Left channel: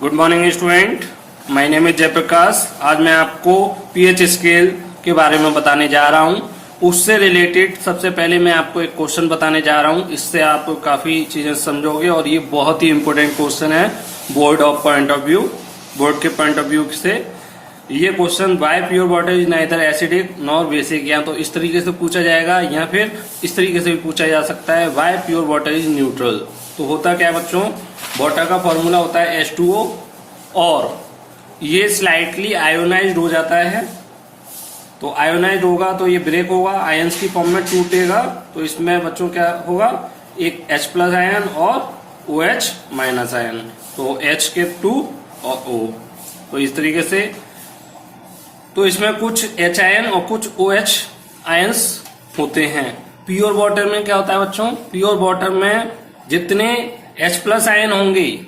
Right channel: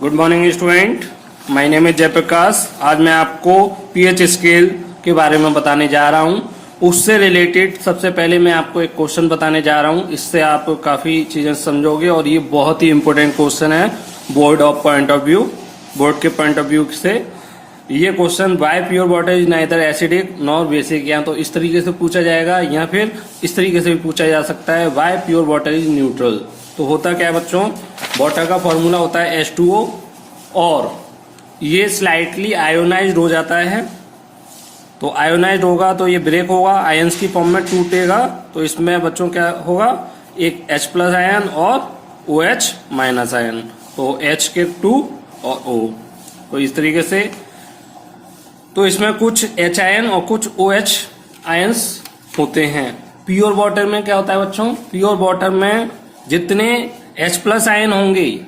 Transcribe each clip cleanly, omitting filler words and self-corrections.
Good morning student, my name is Jayaprakash. आज मैं आपको पीएच स्केल के बारे में बताने जा रहा हूं। उससे रिलेटेड सबसे पहले मैं आपको एक क्वेश्चन बताने जा रहा हूं। इससे आप काफी चीजें समझोगे और ये बहुत ही इंपॉर्टेंट क्वेश्चन है बोर्ड के पॉइंट ऑफ व्यू से। ये question Y pure water is neither acidic nor basic, या तो इस तरीके से पूछा जाएगा या फिर इस तरीके से भी पूछा जा सकता है why pure water is neutral. तो होता क्या बच्चों, वाटर का फॉर्मूला होता है H2O और ये स्लाइटली आयोनाइज्ड हो जाता है। तो आयोनाइज्ड होगा तो ये ब्रेक होगा, आयंस की फॉर्म में टूटेगा। तो इसमें बच्चों क्या होगा, एक H प्लस आयन और OH माइनस आयन। तो H के 2 और O, तो इस तरीके से। तो इसमें कुछ H आयन और कुछ OH आयंस होते हैं। प्योर वाटर में क्या होता है बच्चों, प्योर वाटर में जितने H प्लस आयन होंगे,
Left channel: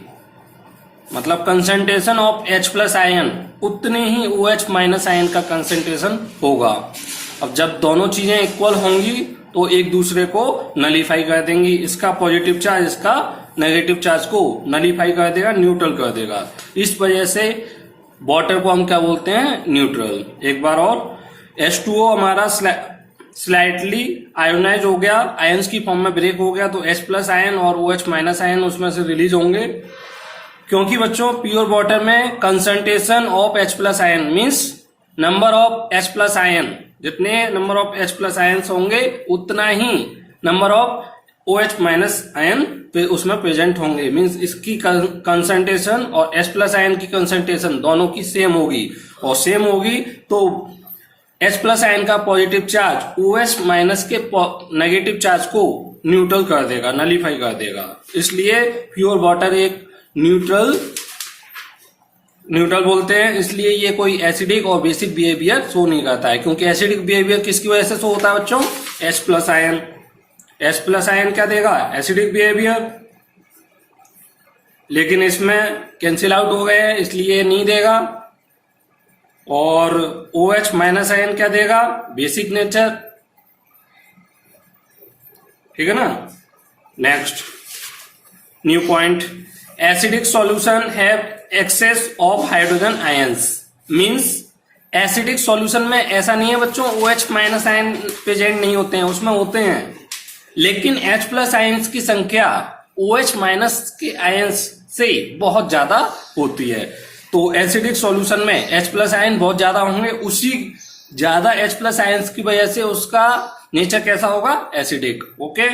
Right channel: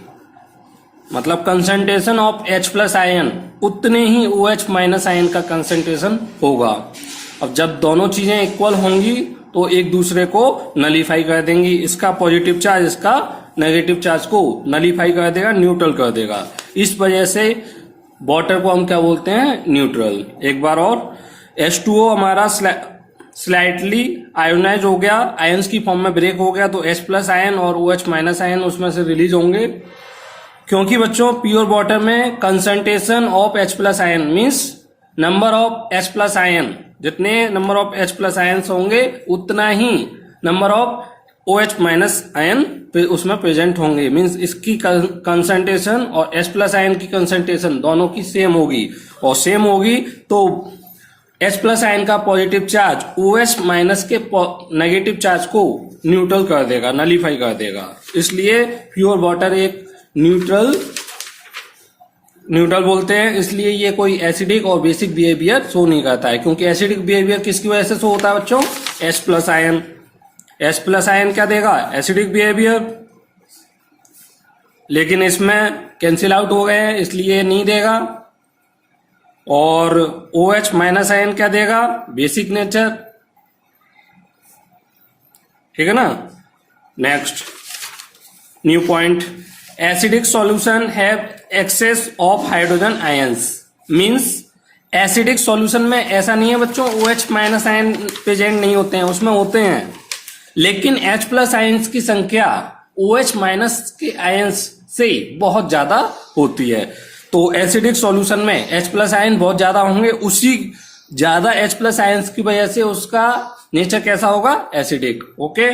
मतलब concentration of H plus ion, उतने ही OH माइनस आयन का कंसंट्रेशन होगा। अब जब दोनों चीजें इक्वल होंगी तो एक दूसरे को नलीफाई कर देंगी। इसका पॉजिटिव चार्ज इसका नेगेटिव चार्ज को नलीफाई कर देगा, न्यूट्रल कर देगा। इस वजह से वाटर को हम क्या बोलते हैं, न्यूट्रल। एक बार और, H2O हमारा स्लाइटली आयोनाइज हो गया, आयंस की फॉर्म में ब्रेक हो गया, तो H प्लस आयन और OH माइनस आयन उसमें से रिलीज होंगे। क्योंकि बच्चों प्योर वाटर में concentration of H plus ion means number of H plus ion, जितने number of H plus ion होंगे उतना ही number of OH minus ion उसमें प्रेजेंट होंगे। मीन्स इसकी कंसंट्रेशन और H प्लस आयन की कंसंट्रेशन दोनों की सेम होगी, और सेम होगी तो H प्लस आयन का पॉजिटिव चार्ज OH माइनस के नेगेटिव चार्ज को न्यूट्रल कर देगा, नलीफाई कर देगा। इसलिए प्योर वाटर एक न्यूट्रल बोलते हैं। इसलिए ये कोई एसिडिक और बेसिक बिहेवियर शो नहीं करता है। क्योंकि एसिडिक बिहेवियर किसकी वजह से शो होता है बच्चों, H plus ion. H plus ion क्या देगा, एसिडिक बिहेवियर। लेकिन इसमें कैंसिल आउट हो गए हैं इसलिए नहीं देगा। और OH माइनस आयन क्या देगा, बेसिक नेचर। ठीक है ना। Next new point, acidic solution have excess of hydrogen ions. Means acidic solution में ऐसा नहीं है बच्चों OH माइनस आयन प्रेजेंट नहीं होते हैं, उसमें होते हैं। लेकिन H प्लस आयंस की संख्या OH माइनस के आयंस से बहुत ज्यादा होती है। तो एसिडिक सॉल्यूशन में H प्लस आयन बहुत ज्यादा होंगे, उसी ज्यादा H प्लस आयंस की वजह से उसका नेचर कैसा होगा, एसिडिक। ओके।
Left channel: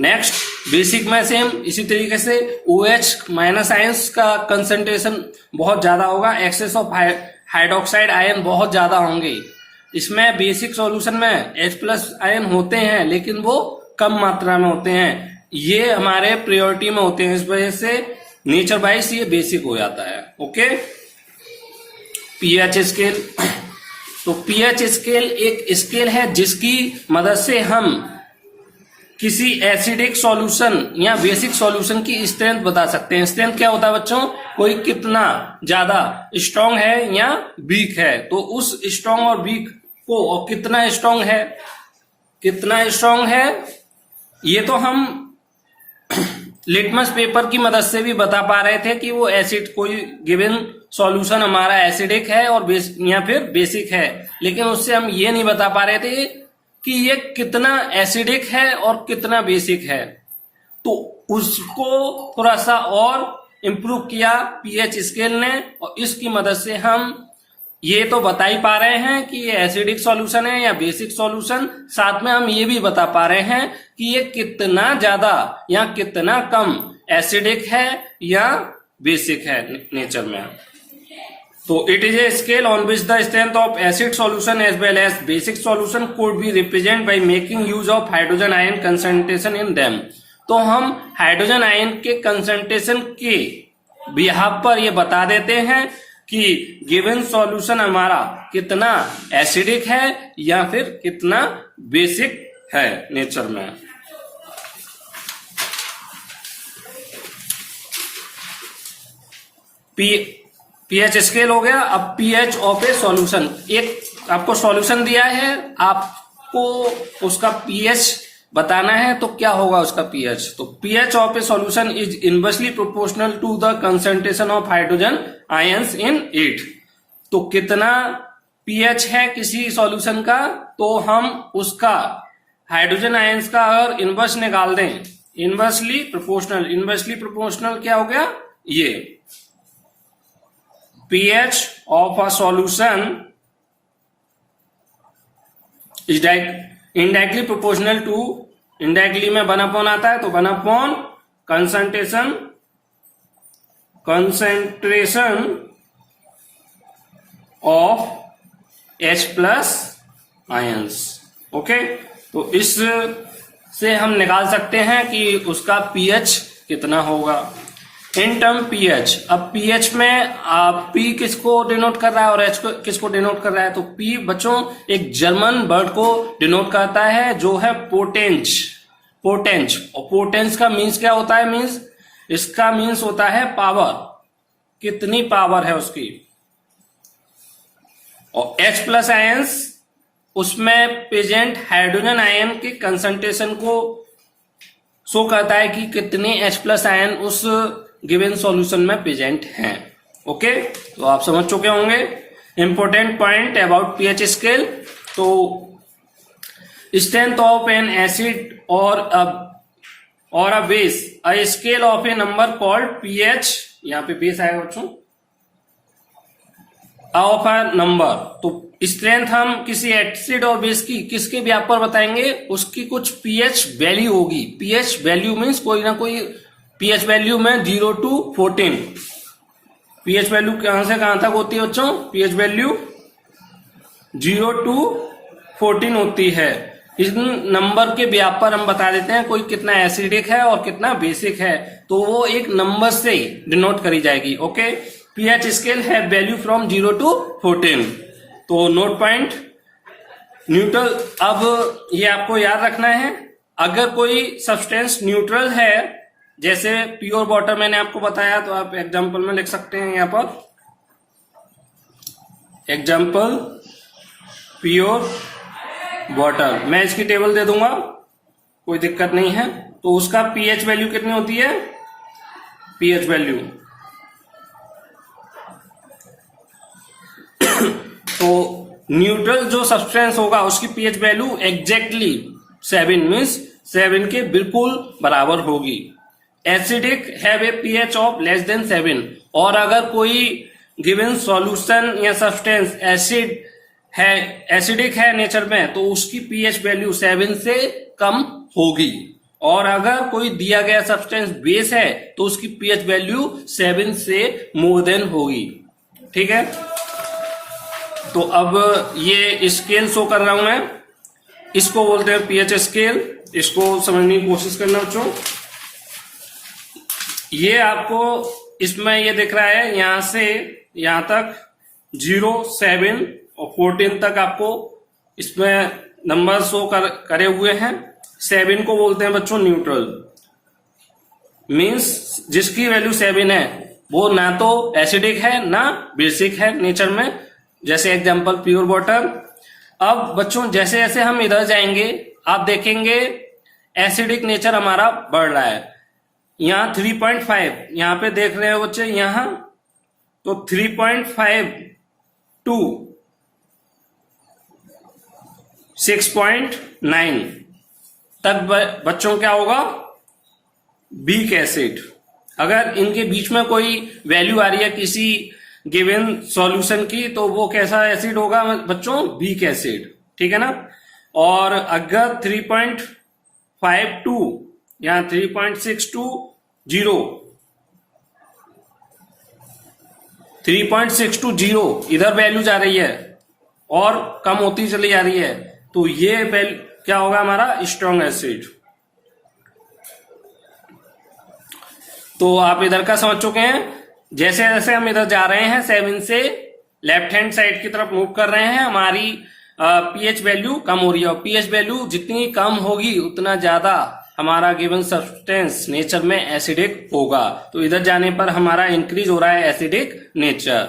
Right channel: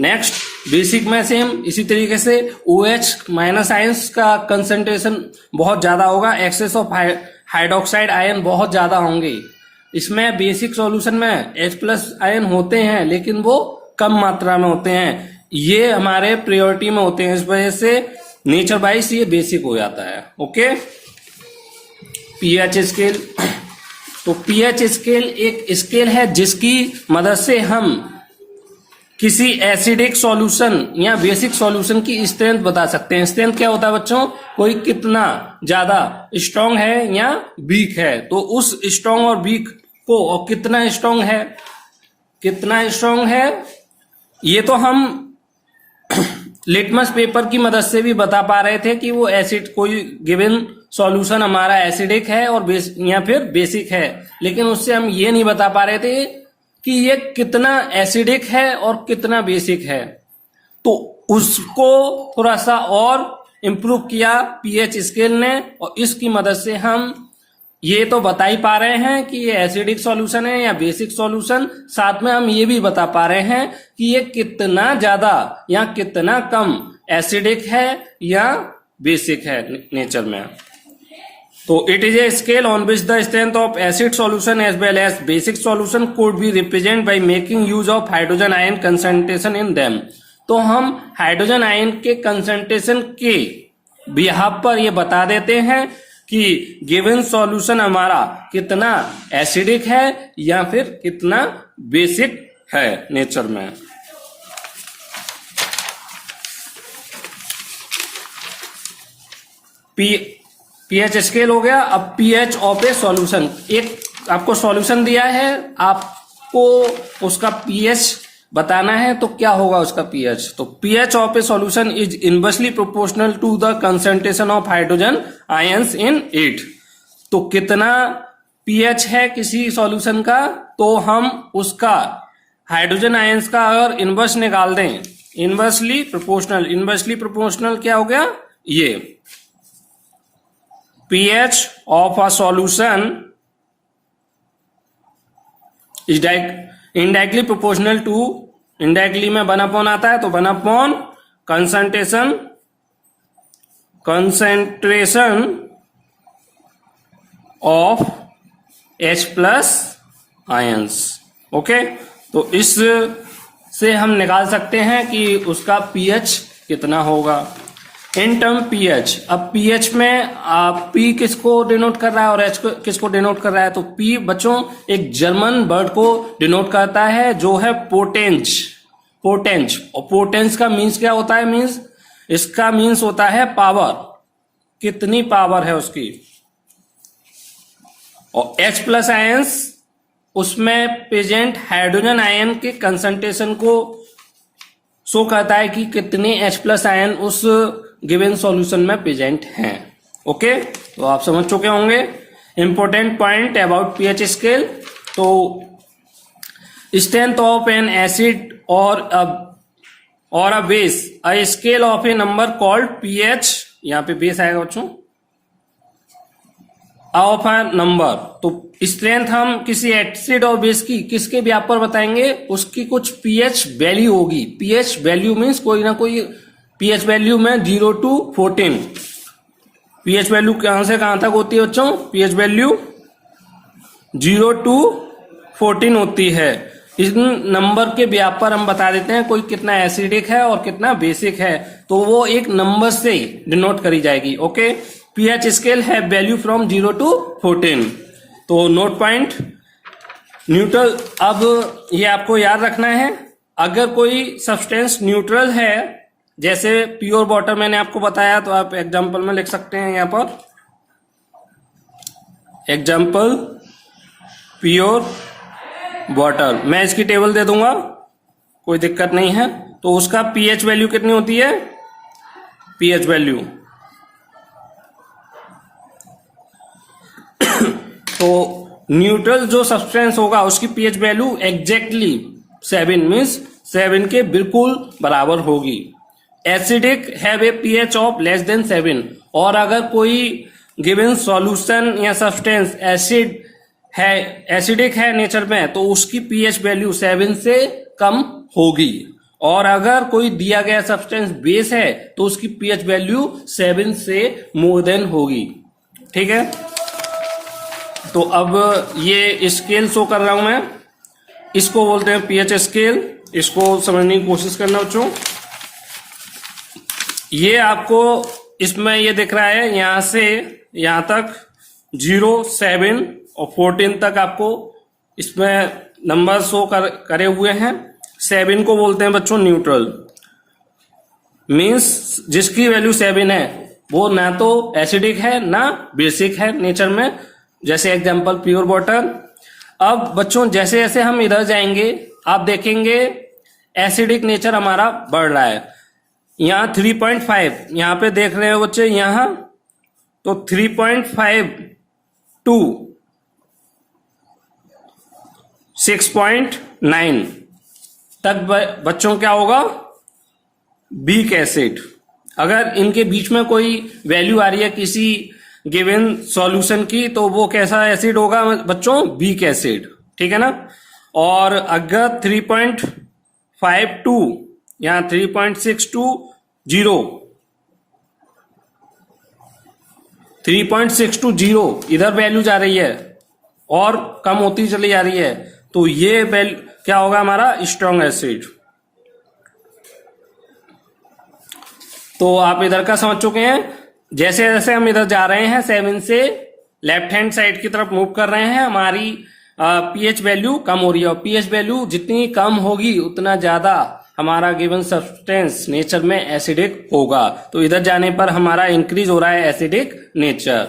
नेक्स्ट बेसिक में सेम इसी तरीके से OH माइनस आयंस का कंसंट्रेशन बहुत ज्यादा होगा, एक्सेस ऑफ हाइड्रोक्साइड आयन बहुत ज्यादा होंगे। इसमें बेसिक सॉल्यूशन में H प्लस आयन होते हैं लेकिन वो कम मात्रा में होते हैं, ये हमारे प्रायोरिटी में होते हैं। इस वजह से नेचर वाइज ये बेसिक हो जाता है। ओके। पीएच स्केल, तो पीएच स्केल एक स्केल है जिसकी मदद से हम किसी एसिडिक सॉल्यूशन या बेसिक सॉल्यूशन की स्ट्रेंथ बता सकते हैं। स्ट्रेंथ क्या होता है बच्चों, कोई कितना ज्यादा स्ट्रांग है या वीक है, तो उस स्ट्रांग और वीक को, और कितना स्ट्रांग है ये तो हम लिटमस पेपर की मदद से भी बता पा रहे थे कि वो एसिड, कोई गिवन सॉल्यूशन हमारा एसिडिक है और या फिर बेसिक है। लेकिन उससे हम ये नहीं बता पा रहे थे कि ये कितना एसिडिक है और कितना बेसिक है। तो उसको थोड़ा सा और इम्प्रूव किया पीएच स्केल ने, और इसकी मदद से हम ये तो बता ही पा रहे हैं कि ये एसिडिक सॉल्यूशन है या बेसिक सॉल्यूशन, साथ में हम ये भी बता पा रहे हैं कि ये कितना ज्यादा या कितना कम एसिडिक है या बेसिक है नेचर में। तो it is a scale on which the strength of acid solution as well as basic solution could be represent by making use of hydrogen ion concentration in them. तो हम hydrogen ion के concentration के behalf पर ये बता देते हैं कि गिवन सॉल्यूशन हमारा कितना एसिडिक है या फिर कितना बेसिक है नेचर में। पीएच स्केल हो गया। अब पीएच ऑफ ए सॉल्यूशन, एक आपको सॉल्यूशन दिया है, आपको उसका पीएच बताना है तो क्या होगा उसका पीएच। तो pH of a solution is inversely proportional to the concentration of hydrogen ions in it. तो कितना पीएच है किसी सॉल्यूशन का, तो हम उसका हाइड्रोजन आयंस का अगर इनवर्स निकाल दें, इनवर्सली प्रोपोर्शनल क्या हो गया, ये pH of a solution is indirectly proportional to, indirectly में 1 आता है तो 1 concentration of H plus ions. Okay, तो इस से हम निकाल सकते हैं कि उसका पीएच कितना होगा इन टर्म पीएच। अब पीएच में पी किसको डिनोट कर रहा है और एच किसको डिनोट कर रहा है, तो पी बच्चों एक जर्मन वर्ड को डिनोट करता है जो है पोटेंस। और पोटेंस का मीन्स क्या होता है, मीन्स इसका मीन्स होता है पावर, कितनी पावर है उसकी। और H प्लस आयंस उसमें प्रेजेंट हाइड्रोजन आयन के कंसंट्रेशन को शो करता है कि कितने H प्लस आयन उस गिवन सॉल्यूशन में प्रेजेंट हैं। ओके, तो आप समझ चुके होंगे important point about pH scale. तो स्ट्रेंथ ऑफ एन एसिड और a base, a scale of A number called pH, यहां पे बेस आएगा बच्चों, ऑफ अ नंबर। तो स्ट्रेंथ हम किसी एसिड और बेस की किसके व्याप पर बताएंगे, उसकी कुछ पीएच वैल्यू होगी। पीएच वैल्यू मीन्स कोई ना कोई पीएच वैल्यू में 0 to 14। पीएच वैल्यू कहां से कहां तक होती है बच्चों, पीएच वैल्यू 0 to 14 होती है। इस नंबर के व्याप पर हम बता देते हैं कोई कितना एसिडिक है और कितना बेसिक है, तो वो एक नंबर से डिनोट करी जाएगी। ओके, पीएच स्केल है वैल्यू फ्रॉम 0 to 14। तो नोट पॉइंट न्यूट्रल, अब ये आपको याद रखना है, अगर कोई सब्सटेंस न्यूट्रल है, जैसे प्योर वाटर मैंने आपको बताया, तो आप एग्जांपल में लिख सकते हैं यहां पर, एग्जांपल प्योर वाटर, मैं इसकी टेबल दे दूंगा, कोई दिक्कत नहीं है। तो उसका पीएच वैल्यू कितनी होती है, पीएच वैल्यू तो न्यूट्रल जो सब्सटेंस होगा उसकी पीएच वैल्यू एग्जैक्टली 7 मीन्स 7 के बिल्कुल बराबर होगी। Acidic have a pH of less than 7, और अगर कोई गिवन सॉल्यूशन या सब्सटेंस एसिडिक है नेचर में, तो उसकी पीएच वैल्यू 7 से कम होगी। और अगर कोई दिया गया सब्सटेंस बेस है तो उसकी पीएच वैल्यू 7 से मोर देन होगी। ठीक है, तो अब ये स्केल शो कर रहा हूं मैं, इसको बोलते हैं पीएच स्केल। इसको समझने की कोशिश करना बच्चों। ये आपको इसमें ये दिख रहा है, यहां से यहां तक 0, 7 और 14 तक आपको इसमें नंबर शो करे हुए हैं। 7 को बोलते हैं बच्चों न्यूट्रल, मीन्स जिसकी वैल्यू 7 है वो ना तो एसिडिक है ना बेसिक है नेचर में, जैसे एग्जांपल प्योर वाटर। अब बच्चों जैसे जैसे हम इधर जाएंगे आप देखेंगे एसिडिक नेचर हमारा बढ़ रहा है। यहां 3.5, यहां पे देख रहे हो बच्चे, यहां तो 3.5 टू 6.9 तक बच्चों क्या होगा, वीक एसिड। अगर इनके बीच में कोई वैल्यू आ रही है किसी गिवन सॉल्यूशन की, तो वो कैसा एसिड होगा बच्चों, वीक एसिड। ठीक है ना। और अगर 3.52 यहां 3.620 इधर वैल्यू जा रही है और कम होती चली जा रही है, तो ये वैल्यू क्या होगा हमारा, स्ट्रॉन्ग एसिड। तो आप इधर का समझ चुके हैं। जैसे जैसे हम इधर जा रहे हैं 7 से लेफ्ट हैंड साइड की तरफ मूव कर रहे हैं, हमारी पीएच वैल्यू कम हो रही है। और पीएच वैल्यू जितनी कम होगी उतना ज्यादा हमारा गिवन सब्सटेंस नेचर में एसिडिक होगा। तो इधर जाने पर हमारा इंक्रीज हो रहा है एसिडिक नेचर।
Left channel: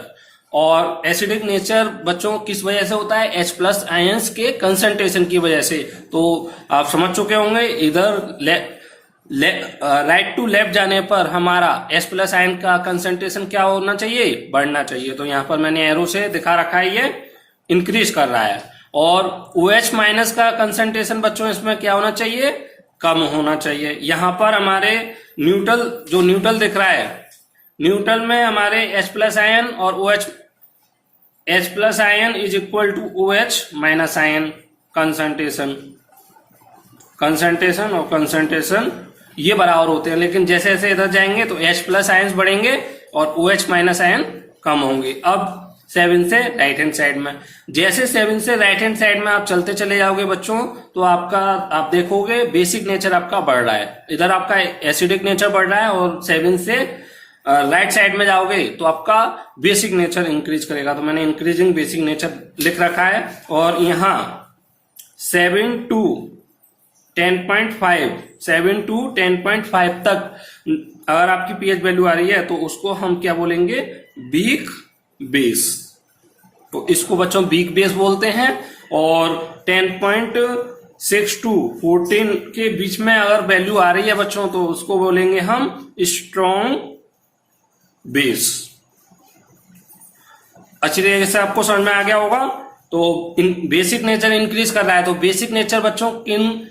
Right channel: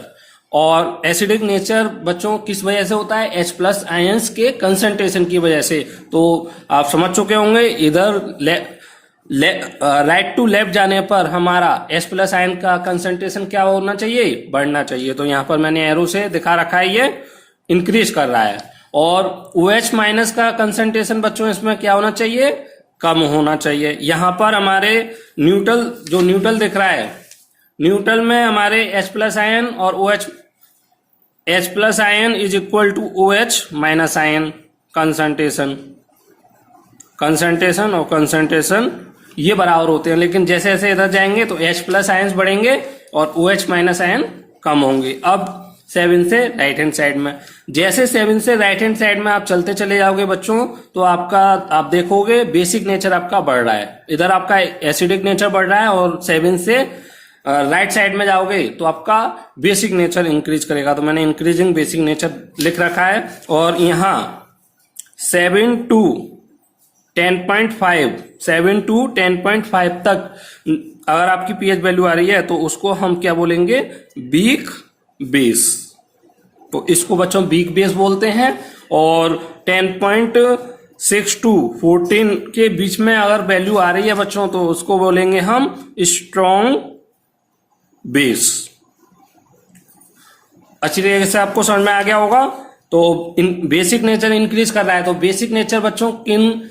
और एसिडिक नेचर बच्चों किस वजह से होता है? H प्लस आयंस के कंसंट्रेशन की वजह से। तो आप समझ चुके होंगे, इधर राइट टू लेफ्ट जाने पर हमारा H प्लस आयन का कंसंट्रेशन क्या होना चाहिए? बढ़ना चाहिए। तो यहाँ पर मैंने एरो से दिखा रखा है, ये इंक्रीज कर रहा है। और OH माइनस का कंसंट्रेशन बच्चों इसमें क्या होना चाहिए? कम होना चाहिए। यहाँ पर हमारे न्यूट्रल, जो न्यूट्रल दिख रहा है, न्यूट्रल में हमारे H प्लस आयन और OH, H plus ion is equal to OH minus ion concentration और कंसंट्रेशन ये बराबर होते हैं। लेकिन जैसे जैसे इधर जाएंगे तो H प्लस आयन्स बढ़ेंगे और OH माइनस आयन कम होंगे। अब 7 से राइट हैंड साइड में, जैसे 7 से राइट हैंड साइड में आप चलते चले जाओगे बच्चों, तो आप देखोगे बेसिक नेचर आपका बढ़ रहा है। इधर आपका एसिडिक नेचर बढ़ रहा है और 7 से राइट साइड में जाओगे तो आपका बेसिक नेचर इंक्रीज करेगा। तो मैंने इंक्रीजिंग बेसिक नेचर लिख रखा है। और यहाँ 7 to 10.5 तक अगर आपकी pH वैल्यू आ रही है तो उसको हम क्या बोलेंगे? Weak base. तो इसको बच्चों वीक बेस बोलते हैं। और 10.6 to 14 के बीच में अगर वैल्यू आ रही है बच्चों तो उसको बोलेंगे हम स्ट्रॉन्ग बेस। अच्छी तरीके से आपको समझ में आ गया होगा। तो बेसिक नेचर इंक्रीज कर रहा है। तो बेसिक नेचर बच्चों किन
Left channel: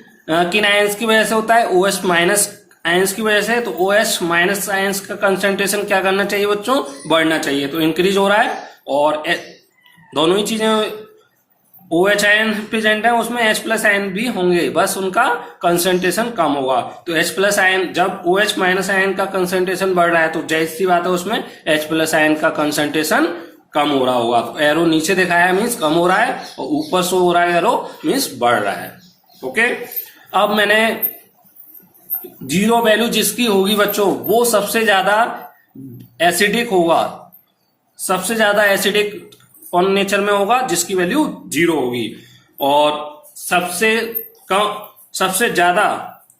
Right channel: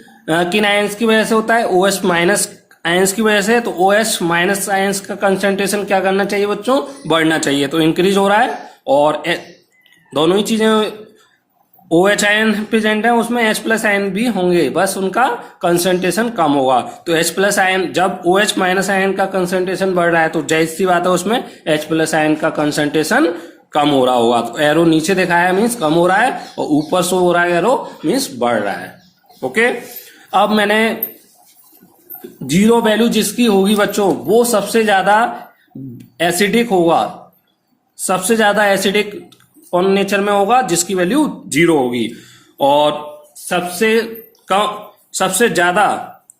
आयंस की वजह से होता है? OH माइनस आयंस की वजह से। तो OH माइनस आयंस का कंसंट्रेशन क्या करना चाहिए बच्चों? बढ़ना चाहिए। तो इंक्रीज हो रहा है। और दोनों ही चीजें OH आयन प्रेजेंट है, उसमें H प्लस आयन भी होंगे, बस उनका कंसंट्रेशन कम होगा। तो H प्लस आयन, जब OH माइनस आयन का कंसंट्रेशन बढ़ रहा है तो जाहिर सी बात है उसमें H प्लस आयन का कंसंट्रेशन कम हो रहा होगा। तो एरो नीचे दिखाया मीन्स कम हो रहा है, और ऊपर शो हो रहा है एरो मीन्स बढ़ रहा है। ओके, अब मैंने जीरो वैल्यू जिसकी होगी बच्चों वो सबसे ज्यादा एसिडिक होगा। सबसे ज्यादा एसिडिक कौन नेचर में होगा? जिसकी वैल्यू 0 होगी। और सबसे ज्यादा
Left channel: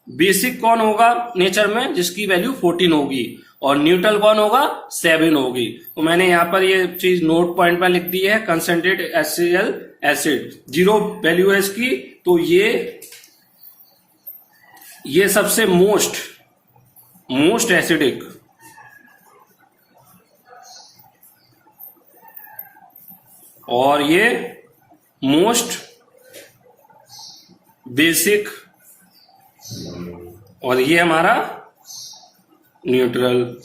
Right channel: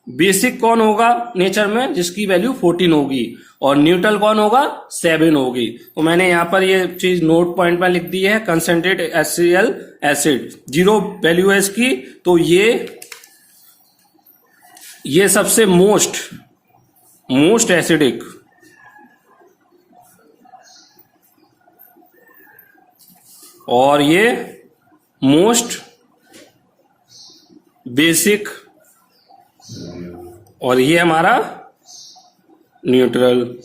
बेसिक कौन होगा नेचर में? जिसकी वैल्यू 14 होगी। और न्यूट्रल कौन होगा? 7 होगी। तो मैंने यहाँ पर ये चीज नोट पॉइंट में लिख दी है, कंसंट्रेट HCl एसिड 0 वैल्यू है इसकी। तो ये सबसे मोस्ट एसिडिक और ये मोस्ट बेसिक और ये हमारा न्यूट्रल।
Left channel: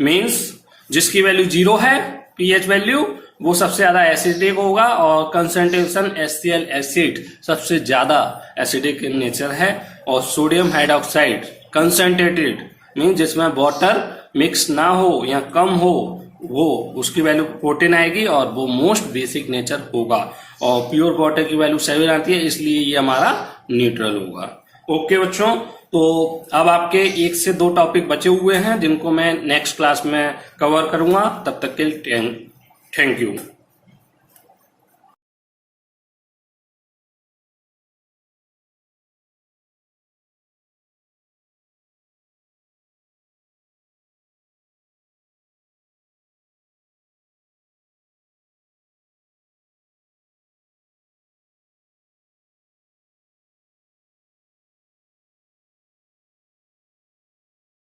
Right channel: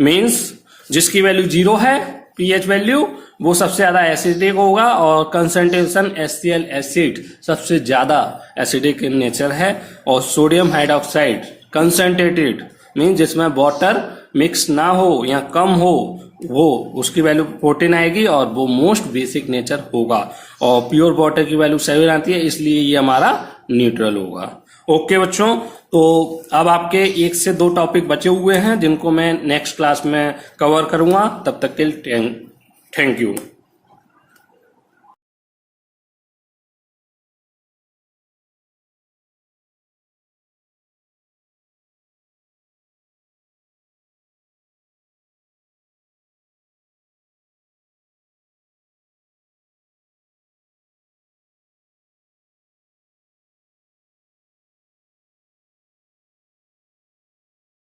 मीन्स जिसकी वैल्यू 0 है pH वैल्यू, वो सबसे ज्यादा एसिडिक होगा। और कंसंट्रेशन HCl एसिड सबसे ज्यादा एसिडिक इन नेचर है। और सोडियम हाइड्रोक्साइड कंसंट्रेटेड मीन्स जिसमें वाटर मिक्स ना हो या कम हो, वो उसकी वैल्यू 14 आएगी और वो मोस्ट बेसिक नेचर होगा। और प्योर वाटर की वैल्यू 7 आती है, इसलिए ये हमारा न्यूट्रल होगा। ओके बच्चों, तो अब आपके 1 से 2 टॉपिक बचे हुए हैं जिनको मैं नेक्स्ट क्लास में कवर करूंगा। तब तक के लिए थैंक यू।